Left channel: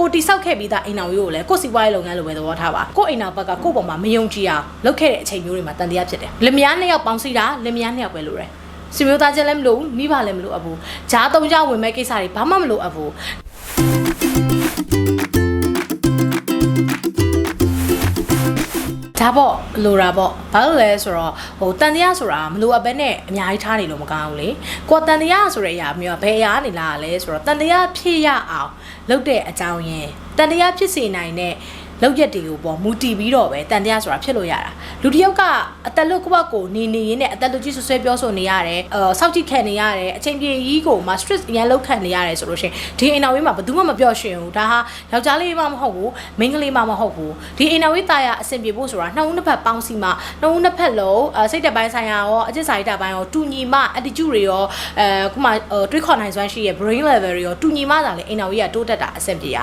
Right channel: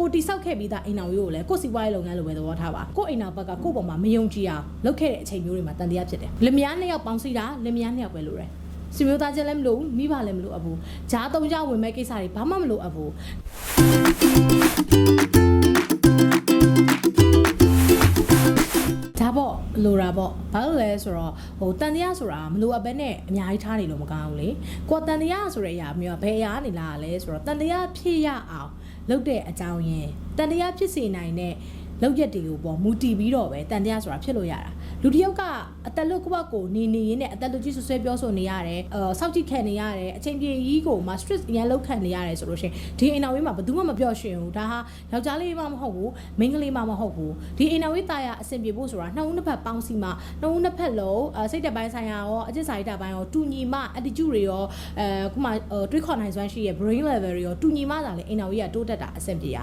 ကိုတိဆောက်ခဲ့ပြီးသားအိမ်အောင်ရိုးကိုလည်းကိုစီပွားရေးလုပ်ငန်းလိုပဲသဘောထားပါကိုအိမ်အောင်ဘက်ကကိုပေါ်မှာမယုံကြည်အောင်လုပ်ခဲ့တဲ့အချိန်မျိုးတွေမှာတန်တရားဖြစ်တယ်လင်မယားနှစ်ယောက်ပေါင်းစည်းတာလင်မယားနှစ်ယောက်ပဲလိုတယ်စီမျိုးသားချင်းလည်းမလို့ဘူးမိဘလည်းမလို့အပ်ဘူးဂျားသုံးကြဝင်မဲ့ကိစ္စတွေဘာမှမလို့အပ်ဘူး ဒါပေါ့လိုတာပေါ့ဘာလို့လဲဆိုတော့ဟိုတန်တရားဆိုတာမလိုအပ်ပဲနဲ့အများကြီးထားနေလို့မကောင်းဘူးလေကိုယ်တန်တရားဆိုတဲ့အရာမျိုးကဘယ်အရာနေလာလဲဆိုတော့တန်တရားဖြစ်ရအောင်လုပ်တဲ့အကြောင်းရင်းတန်တရားဖြစ်စေနိုင်တဲ့ လောက်ရက်တွေကိုပေါ့မူတည်ပြီးတော့ပဲတန်တရားဆိုတာဖြစ်လို့ရတာလူတစ်ယောက်ကအသက်လွတ်ကွက်ကိုနေနေရင်းနဲ့အသက်လွတ်ကြီးဆွဆွဲပြောဆိုနေရတယ်အဲစောက်ကြည့်ခံနေရတယ်အချိန်ပြည့်ကြီးကိုမှ stress အများလောက်ခံနေရတယ်ဆိုလို့ရှိရင်ဒီအိမ်တော်ဝေးမှာဘယ်သူမှမပြောရှင်ဘူးဒါဟာယောက်ျားလေးမှမဟုတ်ဘူးမိန်းကလေးမှမဟုတ်ဘူးဒီအိမ်တော်ဝေးတာရအဆင်ပြေဖို့ဆိုတာနှောင်းနှစ်ဖက်ပေါင်းစီမှနှောင်းနှစ်ဖက်လုံးစိတ်တပိုင်းဆိုင်ရာရောအကျင့်စာရိတပိုင်းရောတူညီမှ attitude တွေရောအဲခုမှတွေးခေါ်နိုင်စွမ်းရှိရဲ့ brain level တွေရောတူညီမှသာလေအိမ်တော်ဝေးကတိုးတက်တာအဆင်ပြေရ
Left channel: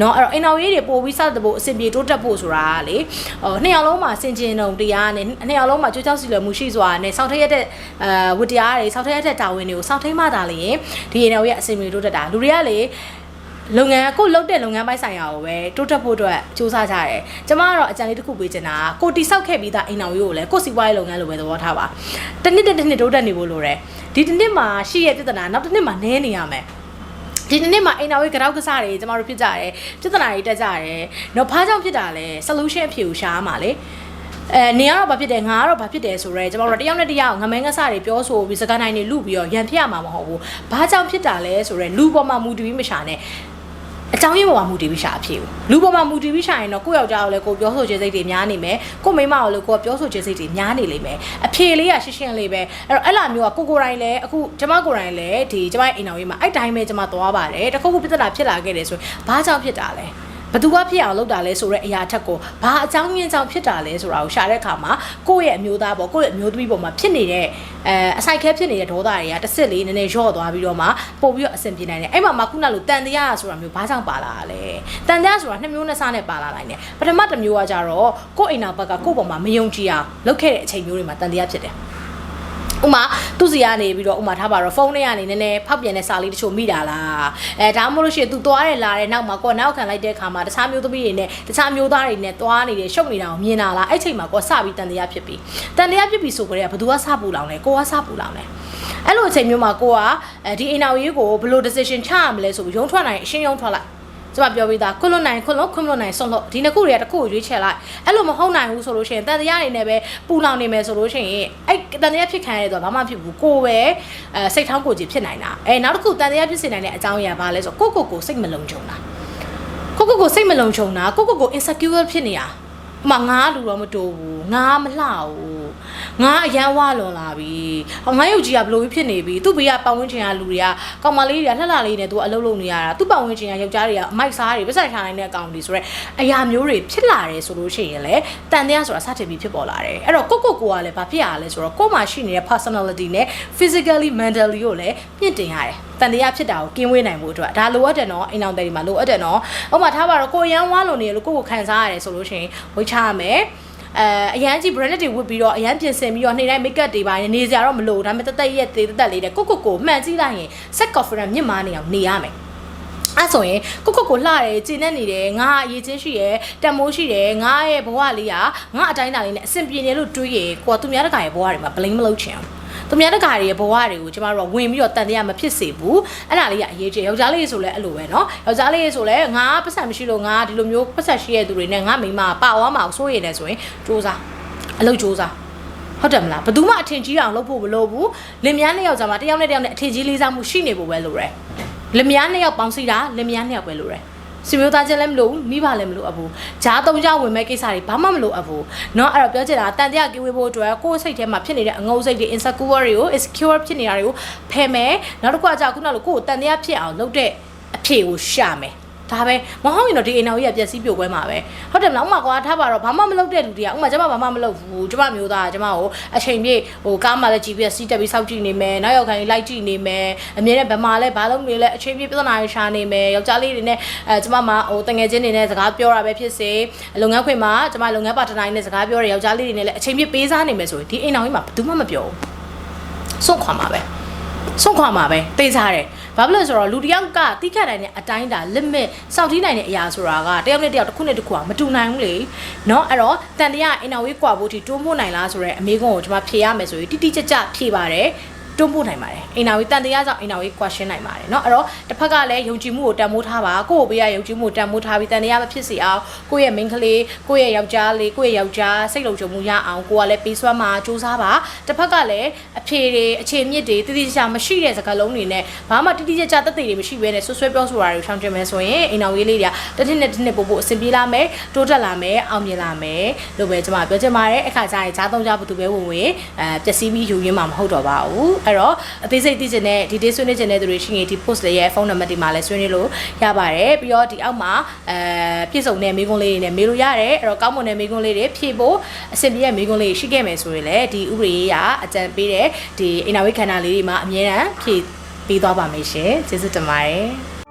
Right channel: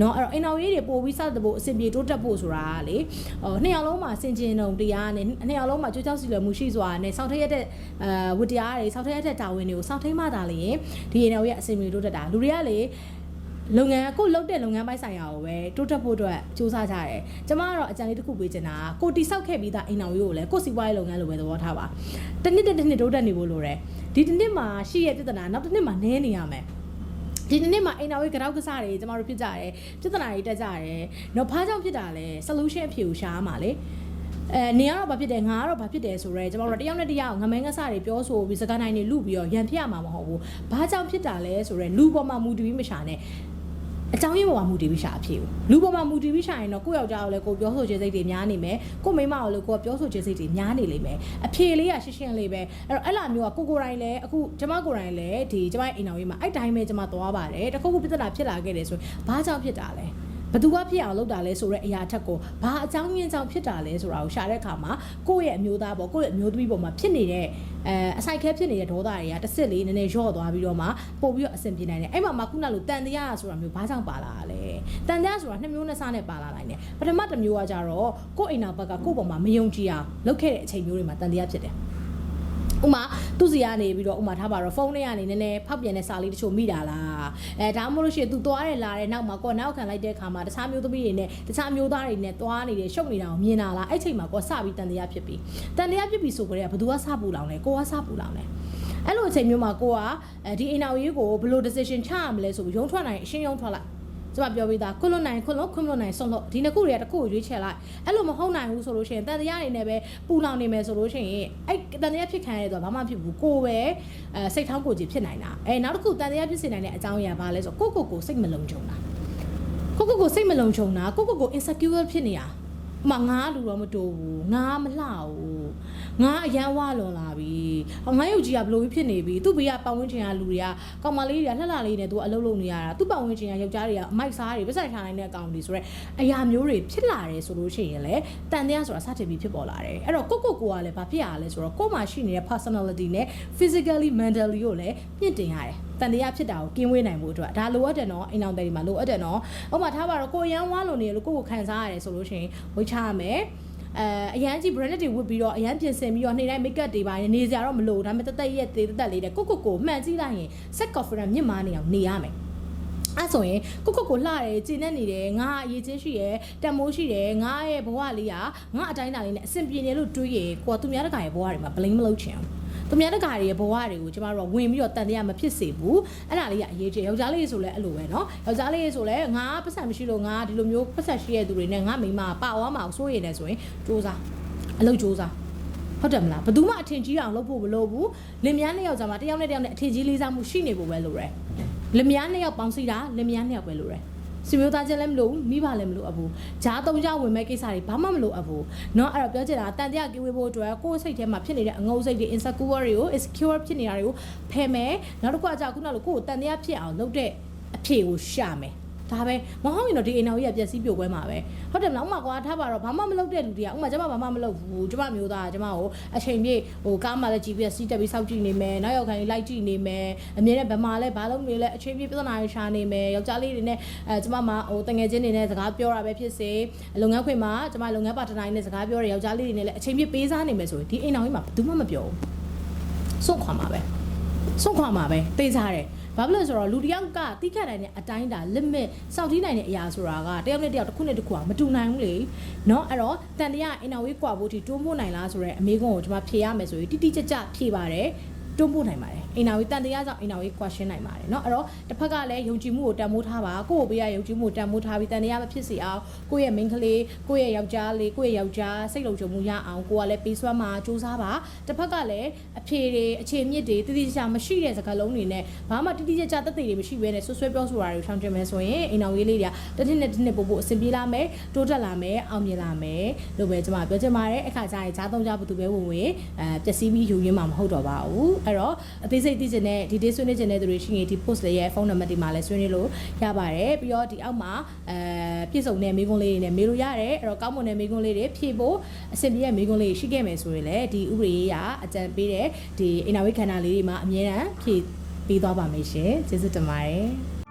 နော်အဲ့တော့အိမ်တော်ဝေးတွေပို့ပြီးစသဖို့အဆင်ပြေတိုးတက်ဖို့ဆိုတာကလေဟိုနှစ်ယောက်လုံးမှာစင်ကျင်တုံတရားနဲ့နှစ်ယောက်လုံးမှာကြိုးကြောက်စီလွယ်မှုရှိစွာနဲ့စောင့်ထရက်တဲ့အဲဝတ္တရားတွေစောင့်ထရက်တဲ့တာဝန်တွေကိုစောင့်ထိမှသာလေရင်ဒီအိမ်တော်ဝေးကအဆင်ပြေတိုးတက်တာလူတွေကလေလုပ်ငန်းကိုလုပ်တဲ့လုပ်ငန်းပိုင်းဆိုင်ရာကိုပဲတိုးတက်ဖို့အတွက်စူးစမ်းကြတယ်။ကျမကတော့အကြံလေးတစ်ခုပေးချင်တာကကိုတိဆောက်ခဲ့ပြီးသားအိမ်တော်ရိုးကိုလည်းကိုစီပွားရေးလုပ်ငန်းလိုပဲသဘောထားပါ။တစ်နှစ်တစ်နှစ်တိုးတက်နေဖို့လိုတယ်။ဒီတစ်နှစ်မှာရှိရပြဿနာနောက်တစ်နှစ်မှာနည်းနေရမယ်။ ဒီနေ့မှာအိမ်တော်ဝေးကြောက်ကစားတွေကျမတို့ဖြစ်ကြတယ်ပြဿနာတွေတက်ကြတယ်။တော့ဘာကြောင့်ဖြစ်တာလဲ solution အဖြေကိုရှာရမှာလေ။အဲနေကတော့ဘာဖြစ်တယ်ငါကတော့ဘာဖြစ်တယ်ဆိုတော့ကျမတို့တယောက်နဲ့တယောက်ငမဲငဆတွေပြောဆိုပြီးစကားနိုင်တွေလူပြီးတော့ရန်ဖြစ်ရမှာမဟုတ်ဘူး။ဘာကြောင့်ဖြစ်တာလဲဆိုတော့လူပေါ်မှာမူတည်ပြီးမရှာနဲ့ အကြောင်းရင်းပေါ်မှာမူတည်ပြီးရှာအဖြစ်ဘူးလူပေါ်မှာမူတည်ပြီးရှာရင်တော့ကိုယ့်ယောက်ျားကိုလည်းကိုယ်ပြောဆိုခြင်းစိတ်တွေများနေမယ်ကိုယ့်မိန်းမကိုလည်းကိုယ်ပြောဆိုခြင်းစိတ်တွေများနေလိမ့်မယ်အဖြေလေးကရှင်းရှင်းလေးပဲအဲ့တော့အဲ့လိုမျိုးကကိုကိုယ်တိုင်လည်းအခုကျမကိုယ်တိုင်လည်းဒီကျမရဲ့အိမ်တော်ကြီးမှာအဲ့တိုင်းပဲကျမသွားပါတယ်တခုခုပြဿနာဖြစ်လာခဲ့တယ်ဆိုရင်ဘာကြောင့်ဖြစ်တာလဲ ဘသူကဖြစ်အောင်လုပ်တာလဲဆိုတော့အရာထက်ကိုဘာအကြောင်းရင်းကြောင့်ဖြစ်တာလဲဆိုတာကိုရှာတဲ့အခါမှာကိုယ့်ရဲ့အမျိုးသားပေါ့ကိုယ့်ရဲ့အမျိုးသမီးပေါ်မှာဖြစ်နေတဲ့အဲအဆိုင်ခဲဖြစ်နေတဲ့ဒေါသတွေကတစ်စစ်လေးနည်းနည်းရော့သွားပြီးတော့မှပို့ပြီးတော့အဆင်ပြေနိုင်တယ်အဲ့မှာမှခုနလိုတန်တရားဆိုတာမျိုးဘာကြောင့်ပါလာတာလဲတန်တရားဆိုတာနှစ်မျိုးနှစ်စားနဲ့ပါလာနိုင်တယ်ပထမတစ်မျိုးကကြတော့ကိုယ့်အိမ်နောက်ဘက်ကကိုယ့်ပေါ်မှာမယုံကြည်အောင်လုပ်ခဲ့တဲ့အချိန်မျိုးတွေမှာတန်တရားဖြစ်တယ် ဥမာသူစီကနေပြီးတော့ဥမာထားပါတော့ဖုန်းထဲကနေနည်းနည်းဖောက်ပြန်တဲ့စာလေးတချို့မိတာလားအဲဒါမှမဟုတ်လို့ရှိရင် तू သွားတယ်လာတယ်နောက်မှာကိုယ်နောက်ခံလိုက်တဲ့အခါမှာတခြားမျိုးသမီးတွေနဲ့တခြားမျိုးသားတွေနဲ့သွားနေတယ်ရှုပ်နေတာကိုမြင်တာလားအဲ့ချိန်မှာကိုယ်စပြီးတန်တရားဖြစ်ပြီတန်တရားဖြစ်ပြီဆိုကြတဲ့ကဘသူကစပူလောင်လဲကိုကစပူလောင်လဲအဲ့လိုအချိန်မျိုးမှာကိုကအဲဒီအိမ်အောင်ရေးကိုဘယ်လို decision ချရမလဲဆိုပြီးရုံထွက်နိုင်အရှင်းရုံထွက်လိုက် ကျမပြောပြီးသားခွလွတ်နိုင်ခွလွတ်ခွလွတ်နိုင်ဆုံးလို့ဒီနှစ်ခုတွေကတစ်ခုကိုရွေးချယ်လိုက်အဲ့လိုမဟုတ်နိုင်ဘူးဆိုလို့ရှိရင်တန်တရားနေနဲ့ပဲပူလောင်နေမယ်ဆိုလို့ရှိရင်အဲ့တန်တရားဖြစ်ခံရတဲ့တော့ဘာမှဖြစ်ဘူးကိုပဲအဲစိတ်ထောင်းကိုကြည့်ဖြစ်နိုင်တာအဲနောက်တစ်ခုတန်တရားဖြစ်စေနိုင်တဲ့အကြောင်းအရာဘာလဲဆိုကိုကိုကိုစိတ်မလုံခြုံတာကိုကိုကိုစိတ်မလုံခြုံတာကိုကိုကို insecure ဖြစ်နေတာ အမငါလူတော့မတူဘူးငါမလှဘူးငါအရန်ဝလွန်လာပြီငါရုပ်ကြီးကဘလို့ဖြစ်နေပြီသူ့ဘေးကပတ်ဝန်းကျင်ကလူတွေကကောင်မလေးတွေကလှလှလေးနဲ့သူအလုပ်လုပ်နေရတာသူ့ပတ်ဝန်းကျင်ကယောက်ျားတွေကအမိုက်စားတွေပတ်စံထားနိုင်တဲ့အကောင်တွေဆိုတော့အရာမျိုးတွေဖြစ်လာတယ်ဆိုလို့ရှိရင်လေတန်တရားဆိုတာစတင်ပြီးဖြစ်ပေါ်လာတယ်အဲ့တော့ကိုကိုကိုကလည်းဘာဖြစ်ရလဲဆိုတော့ကို့မှာရှိနေတဲ့ personality နဲ့ physically mentally ကိုလည်းမြင့်တင်ရတယ်တန်တရားဖြစ်တာကိုကင်းဝေးနိုင်ဖို့အတွက်ဒါလိုအပ်တယ်နော်အိမ်အောင်တယ်ဒီမှာလိုအပ်တယ်နော်ဥပမာထားပါတော့ကိုရန်ဝါလုံနေလို့ကိုကိုခံစားရတယ်ဆိုလို့ရှိရင်ဝိတ်ချရမယ်အဲအရန်ကြီး branded တွေဝတ်ပြီးတော့အရန်ပြင်ဆင်ပြီးတော့နေ့တိုင်း makeup တွေပါနေစရာတော့မလိုဒါပေမဲ့တက်တက်ရက်သေးတက်တက်လေးတဲ့ကိုကိုကိုမှန်ကြည့်လိုက်ရင် set confidence မြင့်မားနေအောင်နေရမယ်အဲ့ဆိုရင်ကိုကိုကိုလှတယ်ကျင်နေနေတယ်ငါအရေးချင်းရှိတယ်တန်မိုးရှိတယ်ငါရဲ့ဘဝလေးကငါအတိုင်းအတာလေးနဲ့အဆင်ပြေနေလို့တွေးရင်ကိုကသူများတကာရဲ့ဘဝတွေမှာ blame မလုပ်ချင်အောင် သူများတကာတွေရဲ့ဘဝတွေကိုကျမတို့ကဝင်ပြီးတော့တန်တရားမဖြစ်စေဘူးအဲ့ဒါလေးကအရေးကြီးယောက်ျားလေးဆိုလည်းအဲ့လိုပဲเนาะယောက်ျားလေးဆိုလည်းငါပတ်စံမရှိလို့ငါဒီလိုမျိုးပတ်စံရှိတဲ့သူတွေနဲ့ငါမိန်းမပါဝါမအောင်စိုးရိမ်နေဆိုရင်စူးစားအလုပ်စူးစားဟုတ်တယ်မလားဘယ်သူမှအထင်ကြီးအောင်လုပ်ဖို့မလိုဘူးလင်မယားနှစ်ယောက်ကြာမှာတယောက်နဲ့တယောက်နဲ့အထင်ကြီးလေးစားမှုရှိနေဖို့ပဲလိုတယ်လင်မယားနှစ်ယောက်ပေါင်းစည်းတာလင်မယားနှစ်ယောက်ပဲလိုတယ် စီမျိုးသားချင်းလည်းမလို့မိဘလည်းမလို့အပ်ဘူးဂျားသုံးကြဝင်မဲ့ကိစ္စတွေဘာမှမလို့အပ်ဘူးเนาะအဲ့တော့ပြောချင်တာတန်တရားကင်းဝေးဖို့အတွက်ကိုယ်စိတ်ထဲမှာဖြစ်နေတဲ့အငုံစိတ်တွေ insecure တွေကို insecure ဖြစ်နေတာတွေကိုဖယ်မယ်နောက်တစ်ခုကကြာခုနလိုကိုယ်ကိုတန်တရားဖြစ်အောင်လုပ်တဲ့အဖြေကိုရှာမယ် ဒါပဲမဟုတ်ရင်တော့ဒီအိမ်တော်ကြီးကပျက်စီးပြိုကွဲမှာပဲဟုတ်တယ်မလားဥမာကွာထားပါတော့ဘာမှမလုပ်တဲ့လူတွေကဥမာကျမဘာမှမလုပ်ဘူးကျမမျိုးသားကျမကိုအချိန်ပြည့်ဟိုကားမှလည်း GPS စီးတက်ပြီးစောင့်ကြည့်နေမယ်နောက်ရောက်ခိုင်းလိုက်ကြည့်နေမယ်အမြဲတမ်းဗမာလည်းဘာလုပ်နေလဲအချိန်ပြည့်ပြဿနာတွေရှာနေမယ်ယောက်ျားလေးတွေနဲ့အဲကျမမှာဟိုတငယ်ချင်းတွေနဲ့စကားပြောတာပဲဖြစ်စေလုပ်ငန်းခွင်မှာကျမလုပ်ငန်းပါတနာတွေနဲ့စကားပြောတဲ့ယောက်ျားလေးတွေနဲ့လည်းအချိန်ပြည့်ပေးစားနေမယ်ဆိုရင်ဒီအိမ်တော်ကြီးမှာဘယ်သူမှမပြောဘူးစွန့်ခွာမှာပဲ ဆုံးခွာမှာပဲတေးစားတယ်ဘာဖြစ်လို့လဲဆိုတော့လူတစ်ယောက်ကတိခတ်နိုင်တဲ့အတိုင်းဒါ limit စောင့်ထိနိုင်တဲ့အရာဆိုတာကတယောက်နဲ့တယောက်တစ်ခုနဲ့တစ်ခုကမတူနိုင်ဘူးလေเนาะအဲ့တော့တန်တရားအင်နာဝေးကွာဖို့ဒီတွန်းပို့နိုင်လားဆိုတော့အမေကုန်းကိုကျွန်မဖြေရမယ်ဆိုရင်တိတိကျကျဖြေပါတယ် တွန်းပို့နိုင်ပါတယ်အင်နာဝေးတန်တရားကြောင့်အင်နာဝေး question နိုင်ပါတယ်เนาะအဲ့တော့တစ်ဖက်ကလည်းယုံကြည်မှုကိုတန်ဖိုးထားပါကိုယ့်ကိုပေးရယုံကြည်မှုကိုတန်ဖိုးထားပြီးတန်တရားမဖြစ်စေအောင်ကိုယ့်ရဲ့ main ကလေးကိုယ့်ရဲ့ယောက်ျားလေးကိုယ့်ရဲ့ယောက်ျားစိတ်လုံခြုံမှုရအောင်ကိုကလည်းပေးစွမ်းမှာစူးစမ်းပါတစ်ဖက်ကလည်းအဖေတွေအခြေမြစ်တွေတိတိကျကျမရှိတဲ့စကားလုံးတွေနဲ့ဘာမှတိတိကျကျတက်သေးတွေမရှိဘဲနဲ့ဆွဆွဲပြောဆိုတာတွေရှောင်ကျင်မယ်ဆိုရင်အိမ်တော်ရေးလေးတွေကတစ်နှစ်နဲ့တစ်နှစ်ပို့ပို့အဆင်ပြေလာမယ်တိုးတက်လာမယ်အောင်မြင်လာမယ်လို့ပဲကျွန်မပြောချင်ပါတယ်အခါကျရင်ဈာသုံးကြဘသူပဲဝင်ဝင်အဲပျက်စီးပြီးယူရင်းမှာမဟုတ်တော့ပါဘူး အဲ့တော့အသေးစိတ်သိချင်တဲ့ဒီ day ဆွေးနွေးချင်တဲ့သူတွေရှိရင်ဒီ post လေးရဲ့ဖုန်းနံပါတ်ဒီမှာလည်းဆွေးနွေးလို့ရပါတယ်ပြီးတော့ဒီအောက်မှာအဲပြည့်စုံတဲ့မိကုံးလေးတွေနဲ့မေးလို့ရတယ်အဲ့တော့ကောင်းမွန်တဲ့မိကုံးလေးတွေဖြည့်ဖို့အဆင်ပြေတဲ့မိကုံးလေးတွေရှိခဲ့မယ်ဆိုရင်လည်းဒီဥပဒေရေးကအကြံပေးတဲ့ဒီအိမ်နာဝိခန္ဓာလေးတွေမှာအမြဲတမ်းဖြည့်ပေးသွားပါမယ်ရှင်ကျေးဇူးတင်ပါတယ်